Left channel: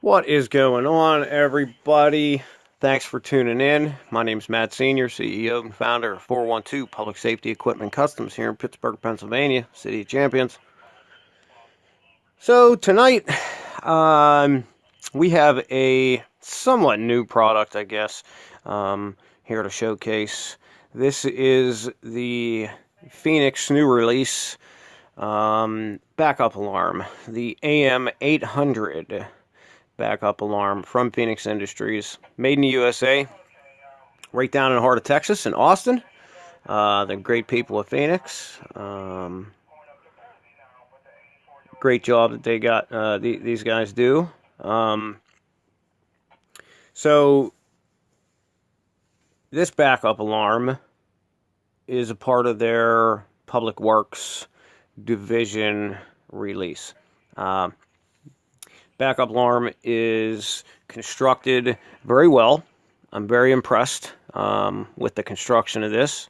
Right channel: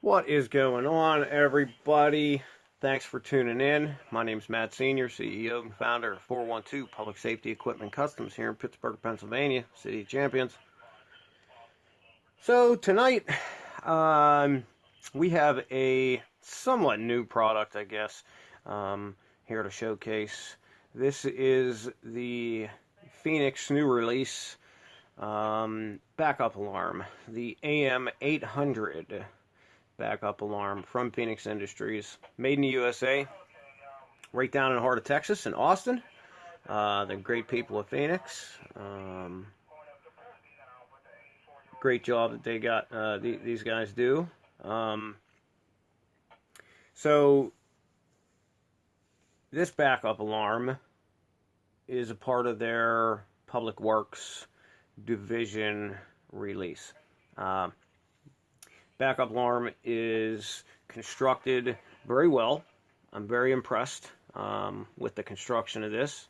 What is going on, everybody? Thanks for tuning in. My name's Matt Senior, CEO and founder of 412 Public Safety Equipment Customs here in Pittsburgh, Pennsylvania, City of Champions. So tonight, we have a somewhat new product, I guess, here to showcase. This is the Feniex new release backup alarm, the AM800 backup alarm from Feniex Industries, made in the USA, right down in the heart of Texas, in Austin. The great people of Feniex. Great job that they got. These guys do. So this backup alarm is a part of their Public Works division release. Backup alarm is constructed very well. I'm very impressed with the construction of this.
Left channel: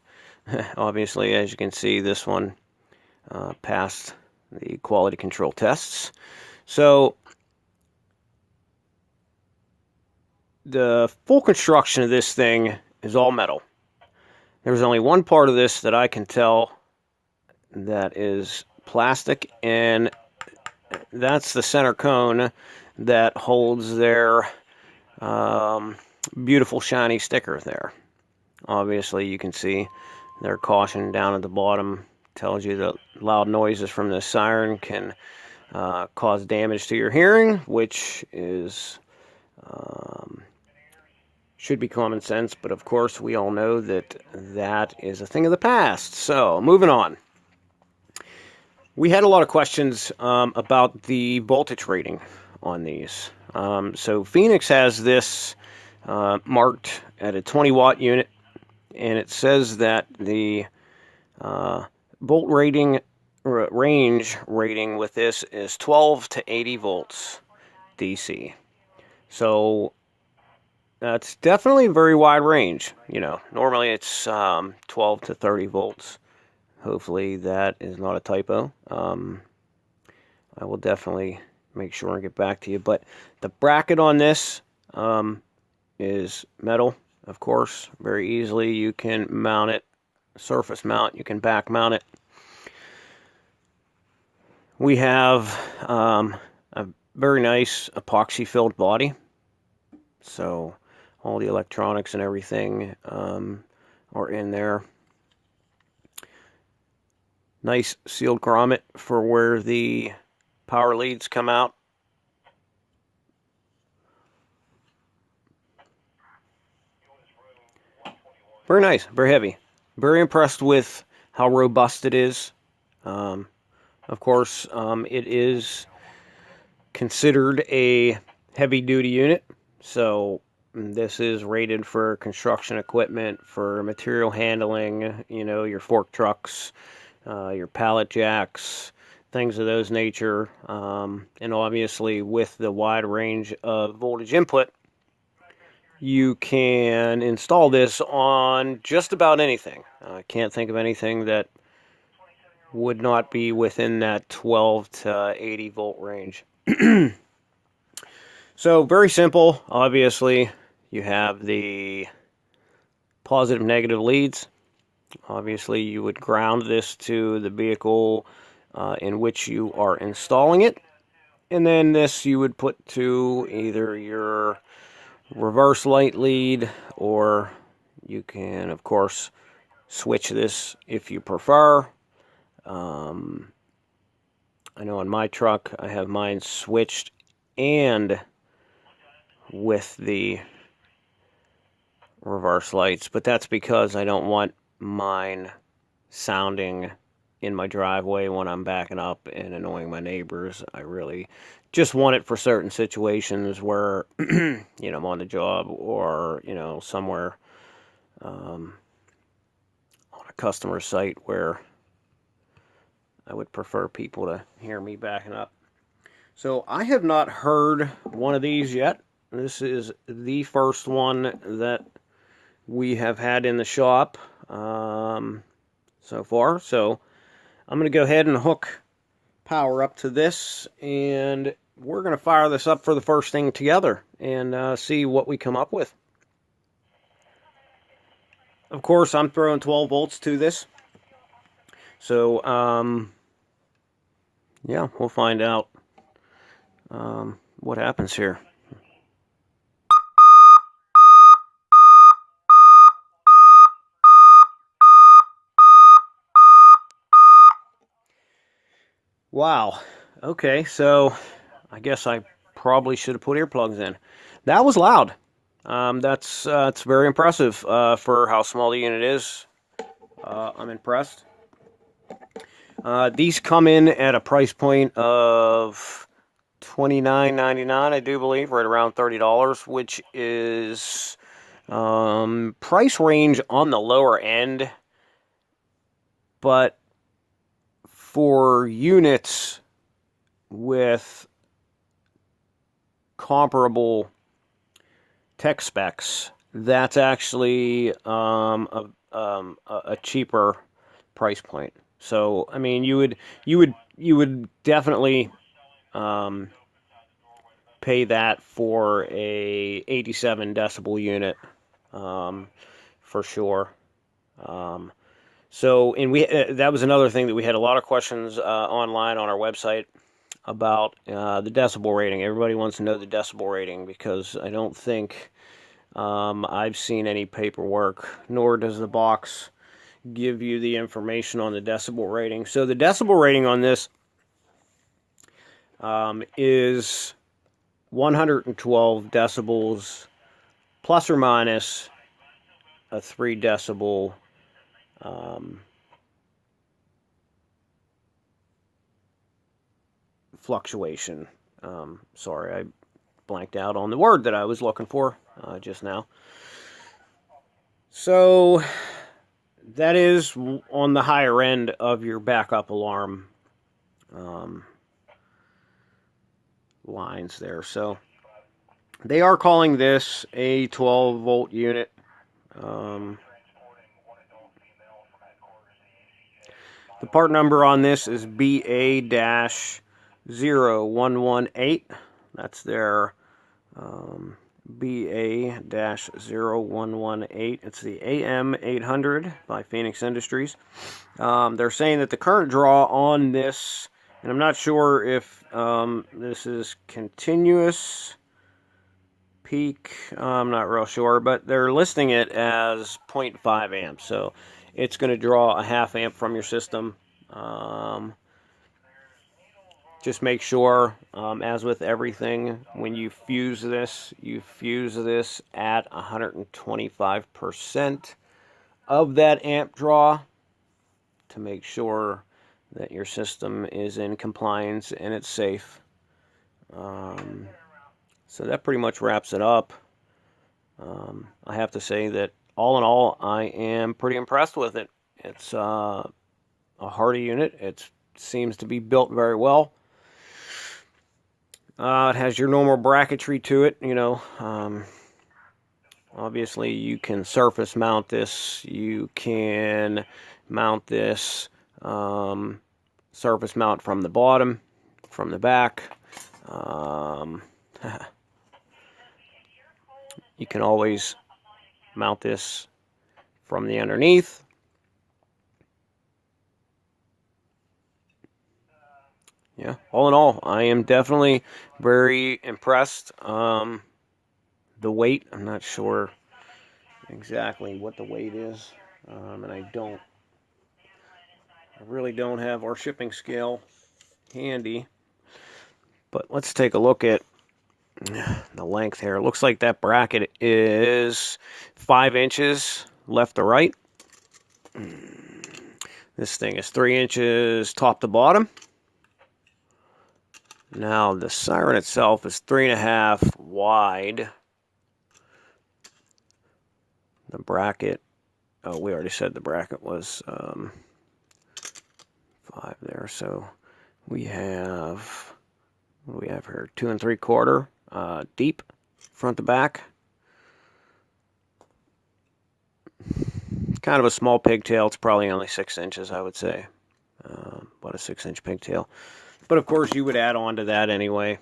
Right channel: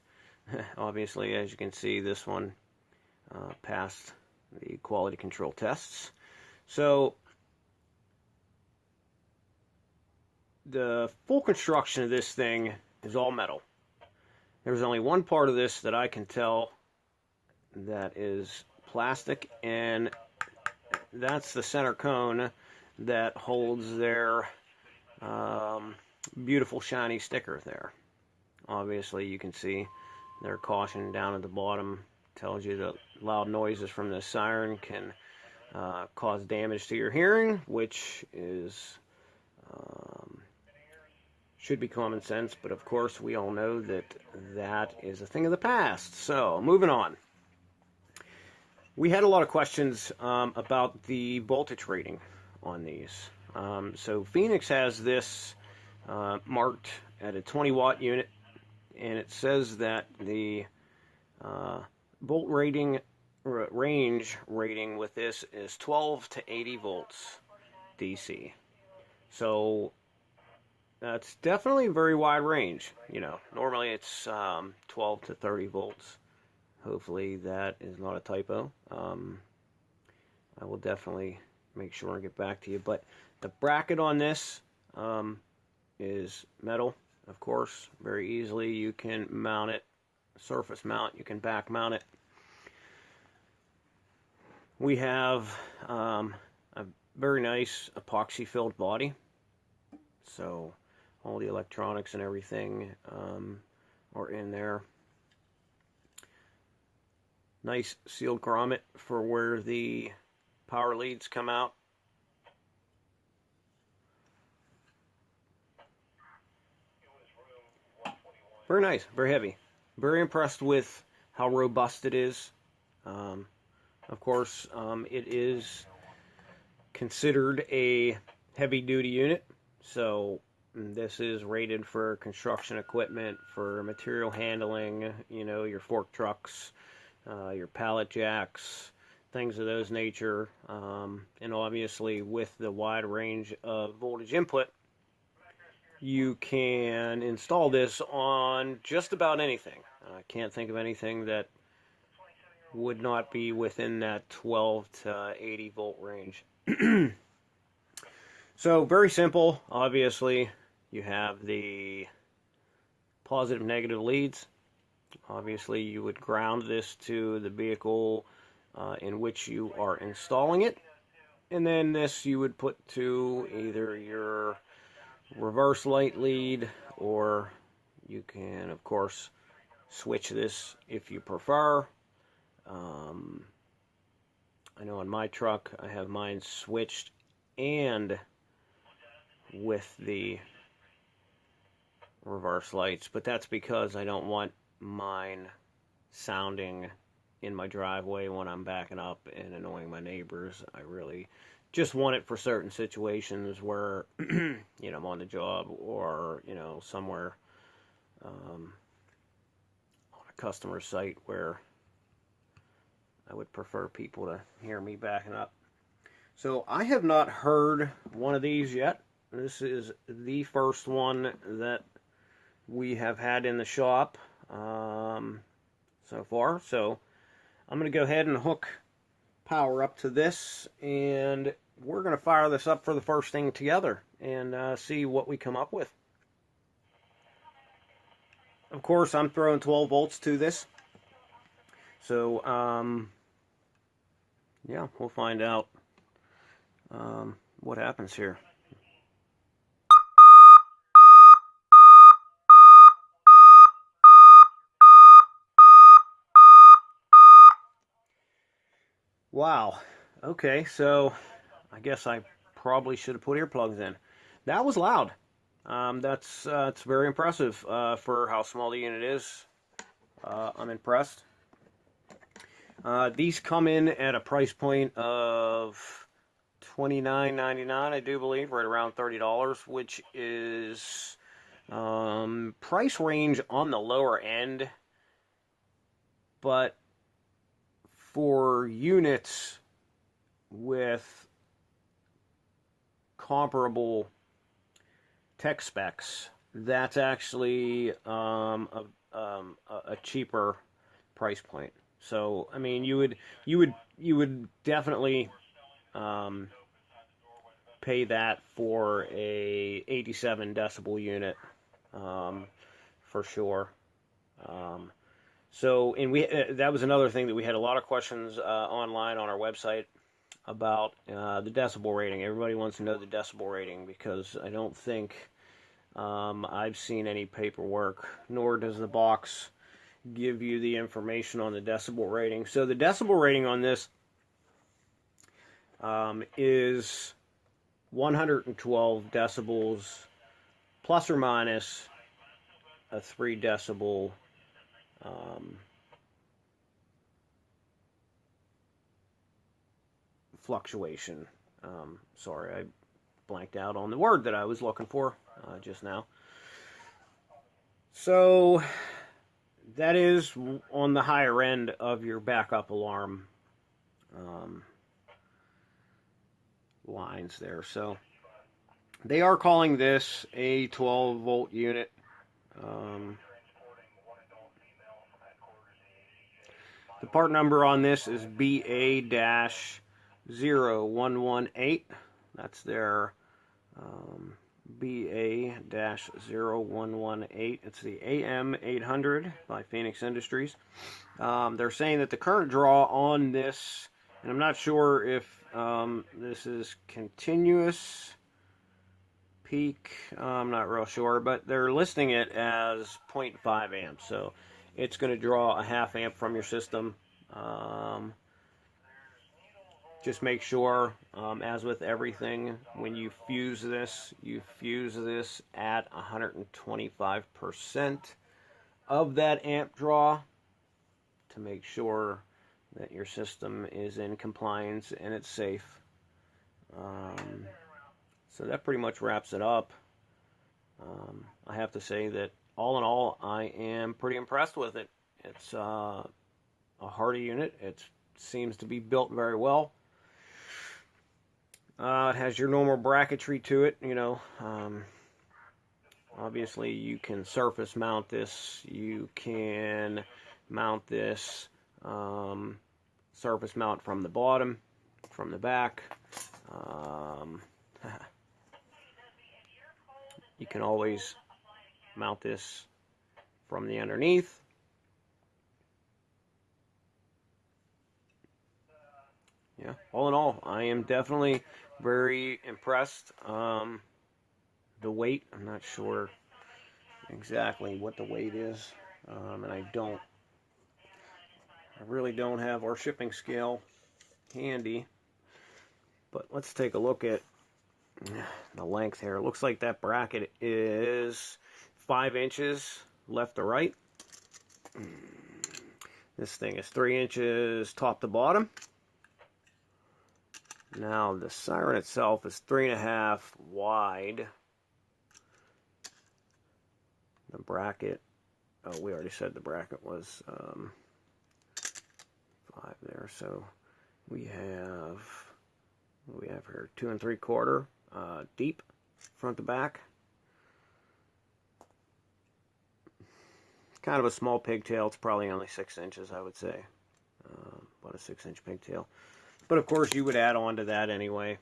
Obviously, as you can see, this one passed the quality control tests. So the full construction of this thing is all metal. There's only one part of this that I can tell that is plastic, and that's the center cone that holds their beautiful shiny sticker there. Obviously, you can see their caution down at the bottom tells you that loud noises from the siren can cause damage to your hearing, which is should be common sense, but of course we all know that that is a thing of the past. So, moving on. We had a lot of questions about the voltage rating on these. So Feniex has this marked at a 20 watt unit, and it says that the volt rating range rating with this is 12 to 80 volts DC. So that's definitely a very wide range. You know, normally it's 12 to 30 volts. Hopefully that is not a typo. I will definitely make sure and get back to you. But the bracket on this is metal, of course. Very easily you can mount it, surface mount, you can back mount it. We have a very nice epoxy filled body. So all the electronics and everything are in there. Nice sealed grommet for where the power leads come out. Very nice, very heavy. Very impressed with how robust it is. Of course, it is considered a heavy-duty unit, so this is rated for construction equipment, for material handling, you know, your fork trucks, your pallet jacks, things of those nature. And obviously, with the wide range of voltage input, you can install this on just about anything. I can't think of anything that would not be within that 12 to 80 volt range. So very simple. Obviously, you have the positive negative leads. Obviously, you would ground this to the vehicle in which you are installing it. And then this you would put to either your reverse light lead, or you can, of course, switch this if you prefer. I know in my truck I have mine switched and with the reverse lights, but that's because I don't want mine sounding in my driveway when I'm backing up and annoying my neighbors. I really just want it for certain situations where, you know, I'm on the job or, you know, somewhere on a customer site where I would prefer people to hear me backing up. So I have not heard one of these yet. This is the first one that we have had in the shop so far. So I'm going to go ahead and hook power up to this and we're going to fire this up for the first thing together and see what we come up with. Of course, I'm throwing 12 volts to this. So, yeah, we'll find out what happens here. Wow. Okay, so I guess I probably should have put earplugs in. That was loud. That's it's very impressive for how small the unit is. I'm impressed. These come in at a price point of $29.99, I do believe, right around $30, which is price range on the lower end, but for units with comparable tech specs, that's actually a cheaper price point. So, I mean, you would definitely pay that for a 87 decibel unit, for sure. So, and that was another thing that we had a lot of questions online on our website about the decibel rating. Everybody wants to know the decibel rating because I don't think I've seen any paperwork, nor does the box give you the information on the decibel rating. So the decibel rating on this is 112 decibels plus or minus a 3 decibel fluctuation. Sorry, I blanked out on the word that I was looking for just now. So that is on the higher end of your backup alarm lines there. So they are calling this a 12 volt unit. The part number on this is BA-0118. That's their BA-0118. It's the AM800 by Feniex Industries. They're saying that the current draw on this, and I'm not sure if this is continuous peak, I'm not real sure, but they're listing it as 0.5 amps. So it's going to draw a half amp from your system. Just make sure, as with everything, when you fuse this at 125% of that amp draw to make sure that your system is in compliance and it's safe. So that pretty much wraps it up. I have to say that all in all, I am pretty impressed with it. It's a hardy unit. It seems to be built very well. It has your normal bracketry to it, you know. Obviously, you can surface mount this. You can mount this surface mount from the bottom, from the back. You can always mount this from the underneath. Yeah, all in all, I am definitely very impressed. The weight, I'm not sure exactly what the weight is, and I really don't have our shipping scale handy. But let's take a look at the length here. It looks like that bracket is 5 inches left to right. This thing is 3 inches top to bottom. Now the siren itself is 3.5 wide. The bracket, oh, we already said the bracket was 5 there. So we have, what do we have here? 2 3/4 deep, front to back. Kind of a small pigtail. It's probably only 6 inches, I would say. About a 6-inch pigtail. But of course, you would add on to that anyway.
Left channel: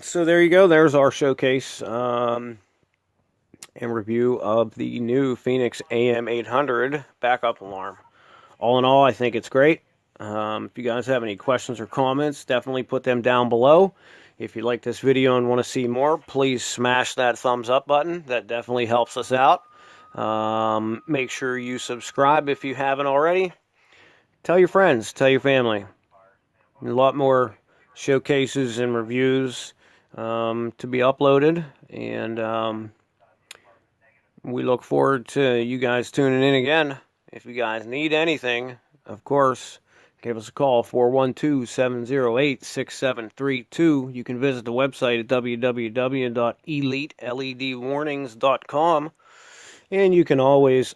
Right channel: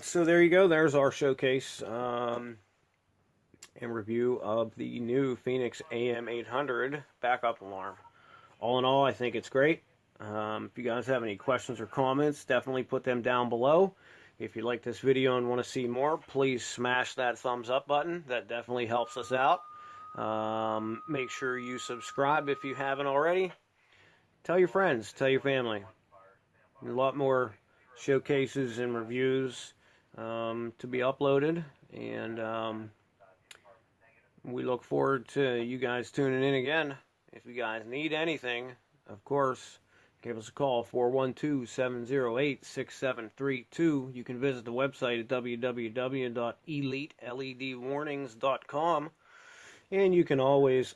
So there you go. There's our showcase and review of the new Feniex AM800 backup alarm. All in all, I think it's great. If you guys have any questions or comments, definitely put them down below. If you like this video and want to see more, please smash that thumbs up button. That definitely helps us out. Make sure you subscribe if you haven't already. Tell your friends, tell your family. A lot more showcases and reviews to be uploaded, and we look forward to you guys tuning in again. If you guys need anything, of course, give us a call, 412-708-6732. You can visit the website at www.eliteledwarnings.com, and you can always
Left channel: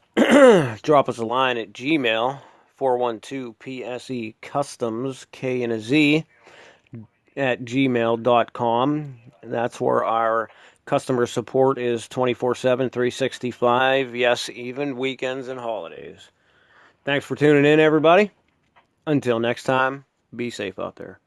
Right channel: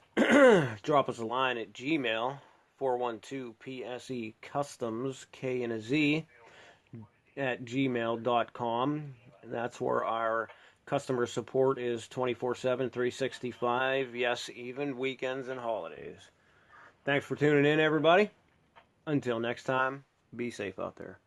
drop us a line at Gmail, 412-PSE Customs, K and a Z, at gmail.com. That's where our customer support is 24/7, 365. Yes, even weekends and holidays. Thanks for tuning in, everybody. Until next time, be safe out there.